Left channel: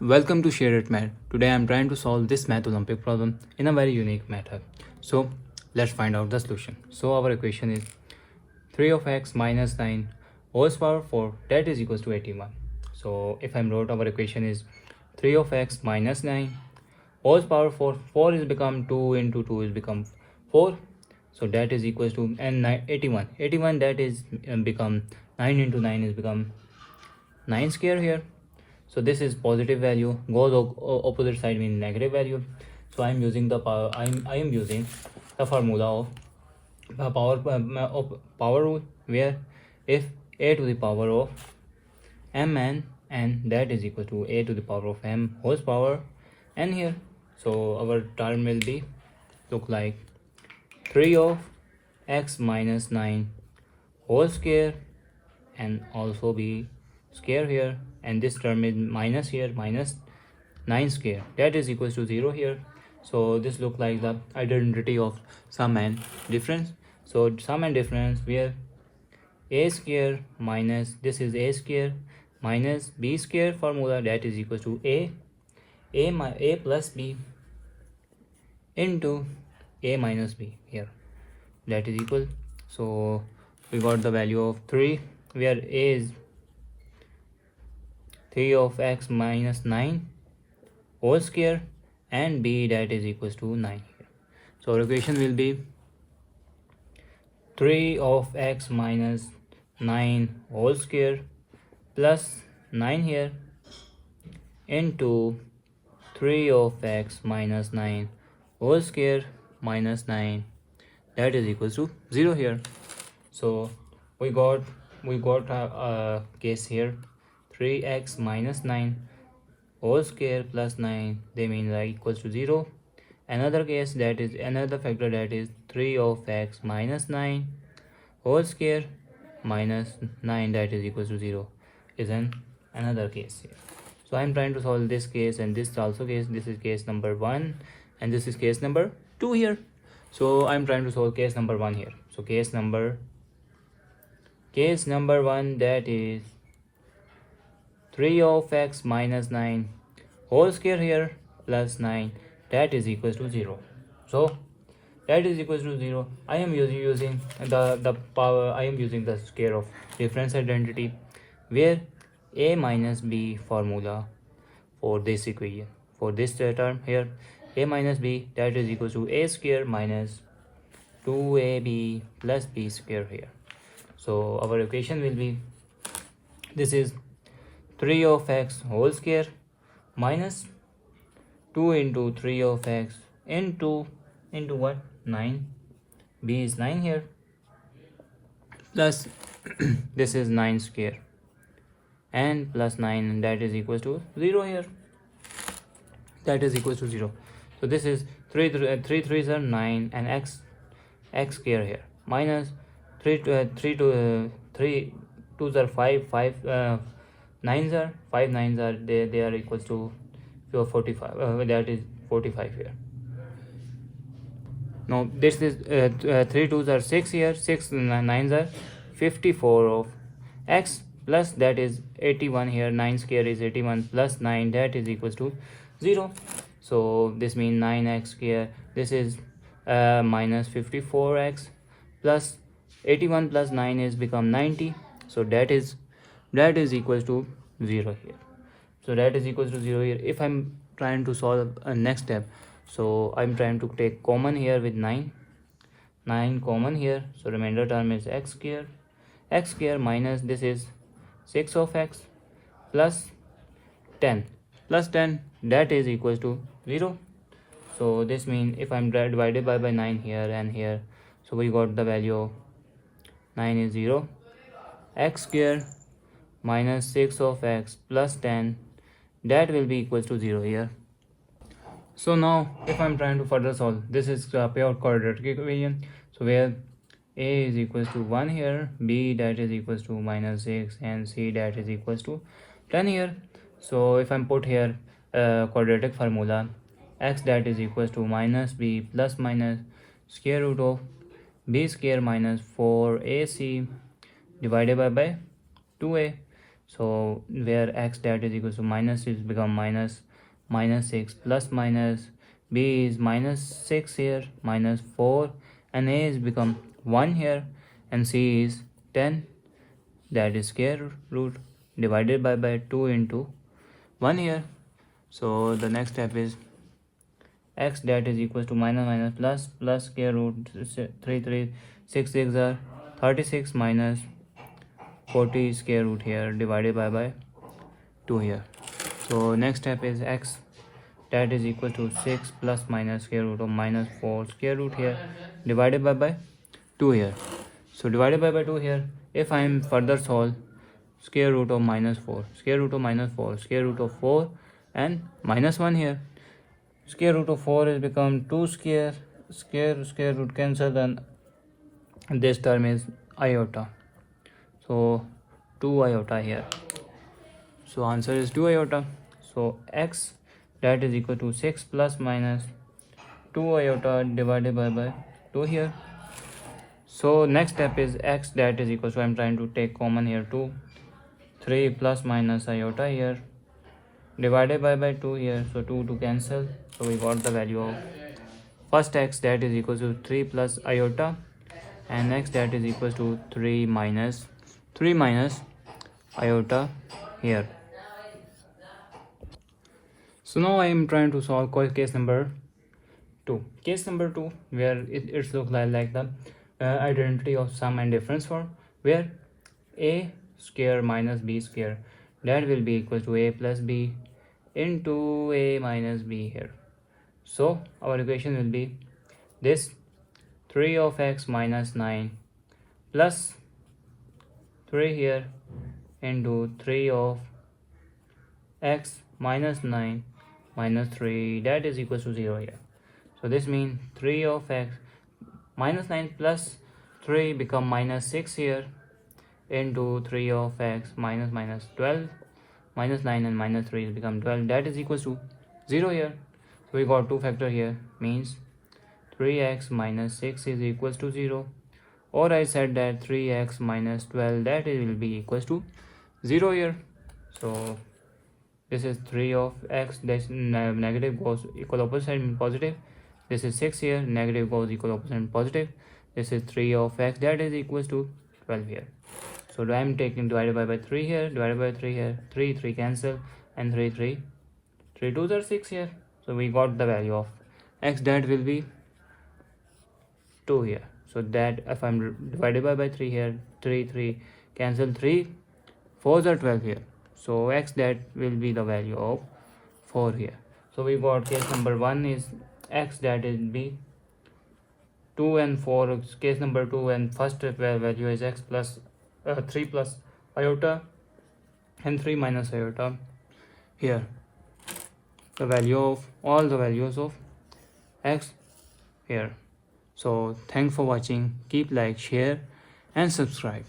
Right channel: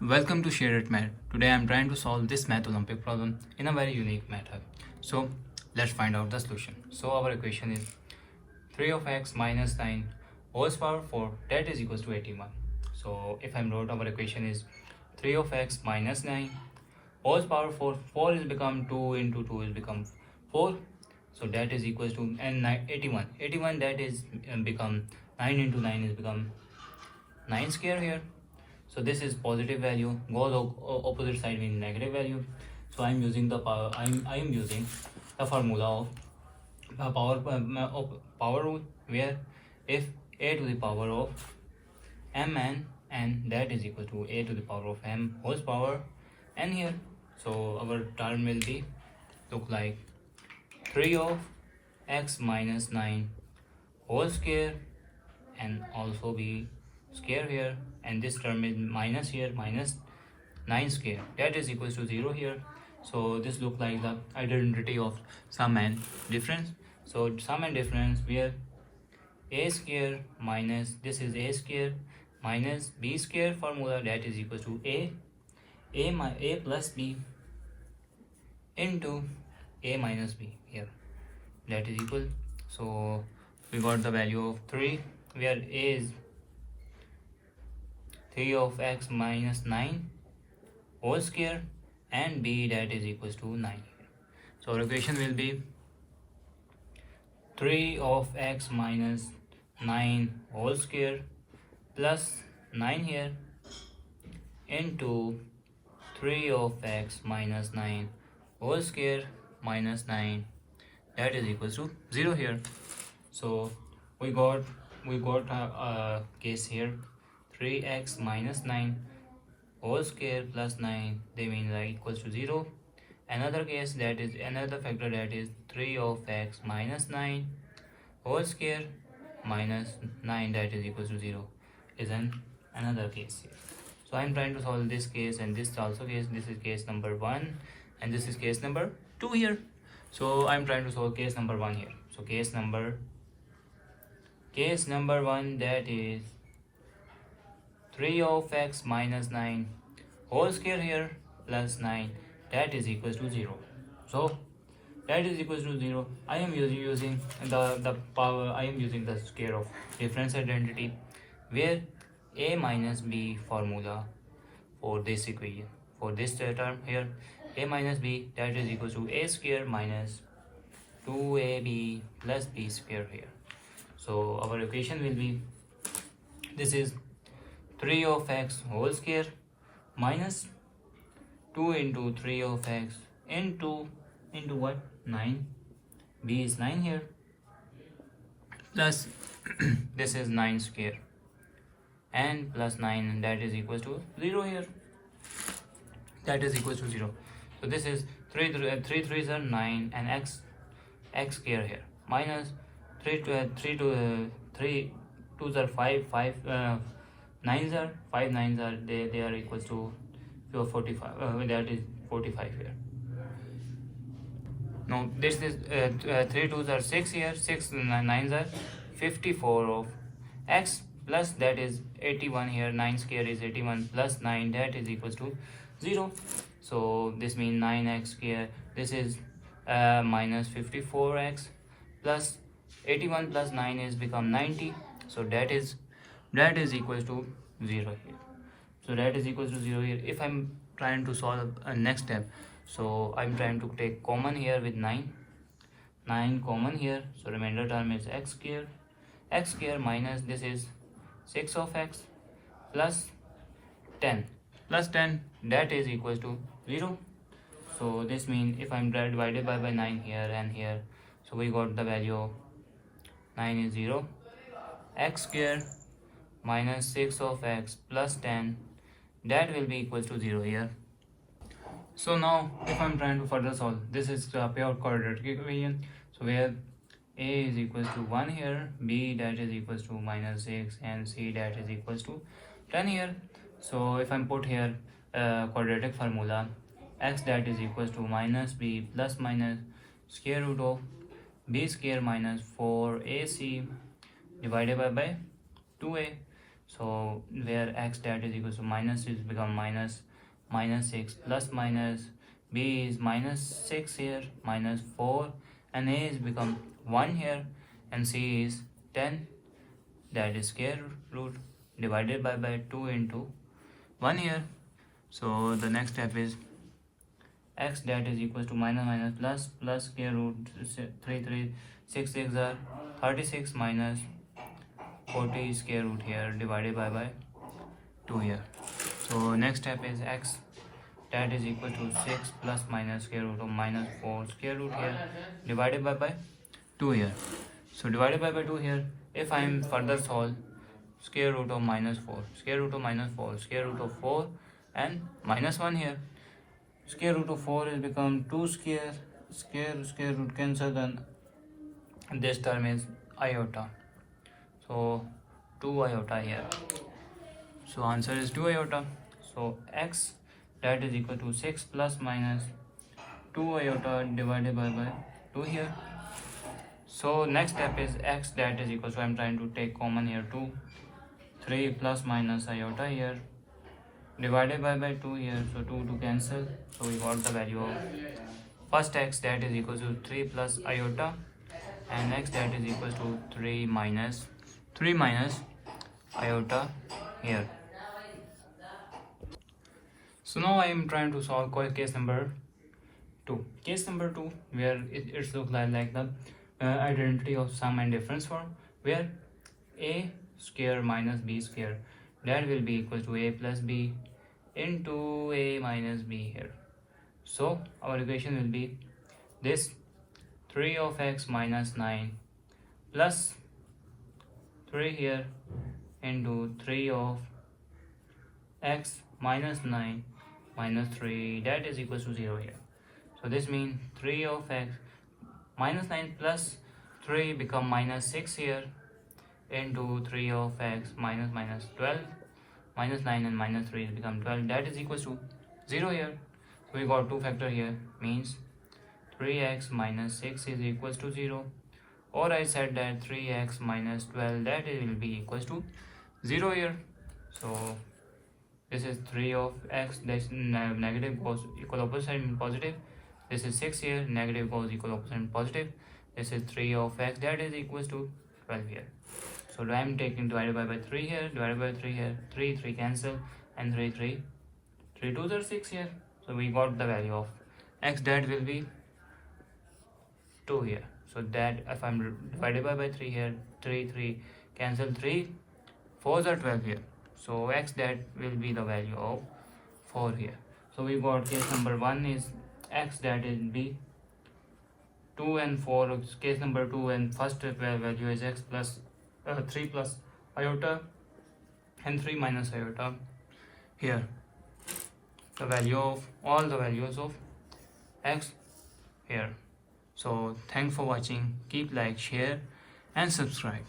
Welcome to Share It Math. Today I am trying to solve this Math Olympic problem in a very unique method. So let's find out the solution. So our equation is 3 of x minus 9 whole power 4 that is equals to 81. So if I wrote our equation is 3 of x minus 9 whole power 4, 4 is become 2 into 2 is become 4. So that is equals to and 81. 81 that is become 9 into 9 is become 9 square here. So this is positive value, goes opposite side means negative value. So I am using the power. I am using the formula of power rule, where if a to the power of mn and that is equal to a to the power of m whole power n here. So our term will be look like 3 of x minus 9 whole square and also be square here, and this term is minus here, minus 9 square that is equals to 0 here. So this look like the identity of sum and difference. So sum and difference where a square minus this is a square minus b square formula that is equals to a plus b into a minus b here that is equal. So we got the value of 3 where a is 3 of x minus 9 whole square and b that is equals to 9 here. So our equation will be 3 of x minus 9 whole square plus 9 here into 3 of x minus 9 whole square minus 9 that is equals to 0 here. So we got a case here 3x minus 9 whole square plus 9 they mean like equals to 0. Another case that is another factor that is 3 of x minus 9 whole square minus 9 that is equals to 0 is another case here. So I am trying to solve this case and this also case. This is case number 1 and this is case number 2 here. So I am trying to solve case number 1 here. So case number 1 that is 3 of x minus 9 whole square here plus 9 that is equals to 0. So that is equals to 0. I am using the power. I am using the square of difference identity where a minus b formula for this equation for this term here a minus b that is equals to a square minus 2ab plus b square here. So our equation will be this is 3 of x whole square minus 2 into 3 of x into what 9 b is 9 here plus this is 9 square and plus 9 that is equals to 0 here that is equals to 0. So this is 3 3s are 9 and x square here minus 3 2s are 5 9s are 5 9s are they are equals to 45 that is 45 here. Now this is 3 2s are 6 here, 6 9s are 54 of x plus that is 81 here, 9 square is 81 plus 9 that is equals to 0. So this means 9x square this is minus 54x plus 81 plus 9 is become 90. So that is equals to 0 here. So that is equals to 0 here. If I'm trying to solve a next step, so I'm trying to take common here with 9 common here. So remainder term is x square minus this is 6 of x plus 10 that is equals to 0. So this means if I'm divided by 9 here and here, so we got the value of 9 is 0. X square minus 6 of x plus 10 that will be equals to 0 here. So now if I'm trying to further solve, this is a pure quadratic equation. So where a is equals to 1 here, b that is equals to minus 6 and c that is equals to 10 here. So if I'm put here quadratic formula, x that is equals to minus b plus minus square root of b square minus 4ac divided by 2a. So where x that is equal to minus is become minus 6 plus minus b is minus 6 here, minus 4, and a is become 1 here, and c is 10, that is square root divided by 2 into 1 here. So the next step is x that is equal to minus plus square root 3 6 6 are 36 minus 40 square root here divided by 2 here. So next step is x that is equal to 6 plus minus square root of minus 4 square root here divided by 2 here. So divided by 2 here, if I am further solve, square root of minus 4, square root of minus 4, square root of 4 and minus 1 here. Square root of 4 is become 2 square root cancel, then this term is iota. So 2 iota here. So answer is 2 iota. So x that is equal to 6 plus minus 2 iota divided by 2 here. So next step is x that is equal to, I'm trying to take common here 2, 3 plus minus iota here divided by 2 here. So 2 to cancel. So we got the value of first x that is equal to 3 plus iota, and x that is equal to 3 minus iota here. So now I am trying to solve case number 2. Case number 2 where it looks like the identity of sum and difference form, where a square minus b square that will be equal to a plus b into a minus b here. So our equation will be this 3 of x minus 9 plus 3 here into 3 of x minus 9 minus 3, that is equal to 0 here. So this means 3 of x minus 9 plus 3 become minus 6 here into 3 of x minus 12, minus 9 and minus 3 become 12, that is equal to 0 here. So we got two factor here, means 3x minus 6 is equals to 0, or I said that 3x minus 12 that will be equals to 0 here. So this is 3 of x, this negative goes equal opposite and positive. This is 6 here, negative goes equal opposite and positive. This is 3 of x that is equals to 12 here. So I am taking divided by 3 here, divided by 3 here, 3 cancel, and 3 2s are 6 here. So we got the value of x that will be 2 here. So that if I am divided by 3 here, 3 cancel, 3 4s are 12 here. So x that will be the value of 4 here. So we got case number 1 is x that is b 2 and 4. Case number 2 and first value is x plus 3 plus iota and 3 minus iota here. The value of all the values of x here. So thanks for watching. Keep like, share and subscribe.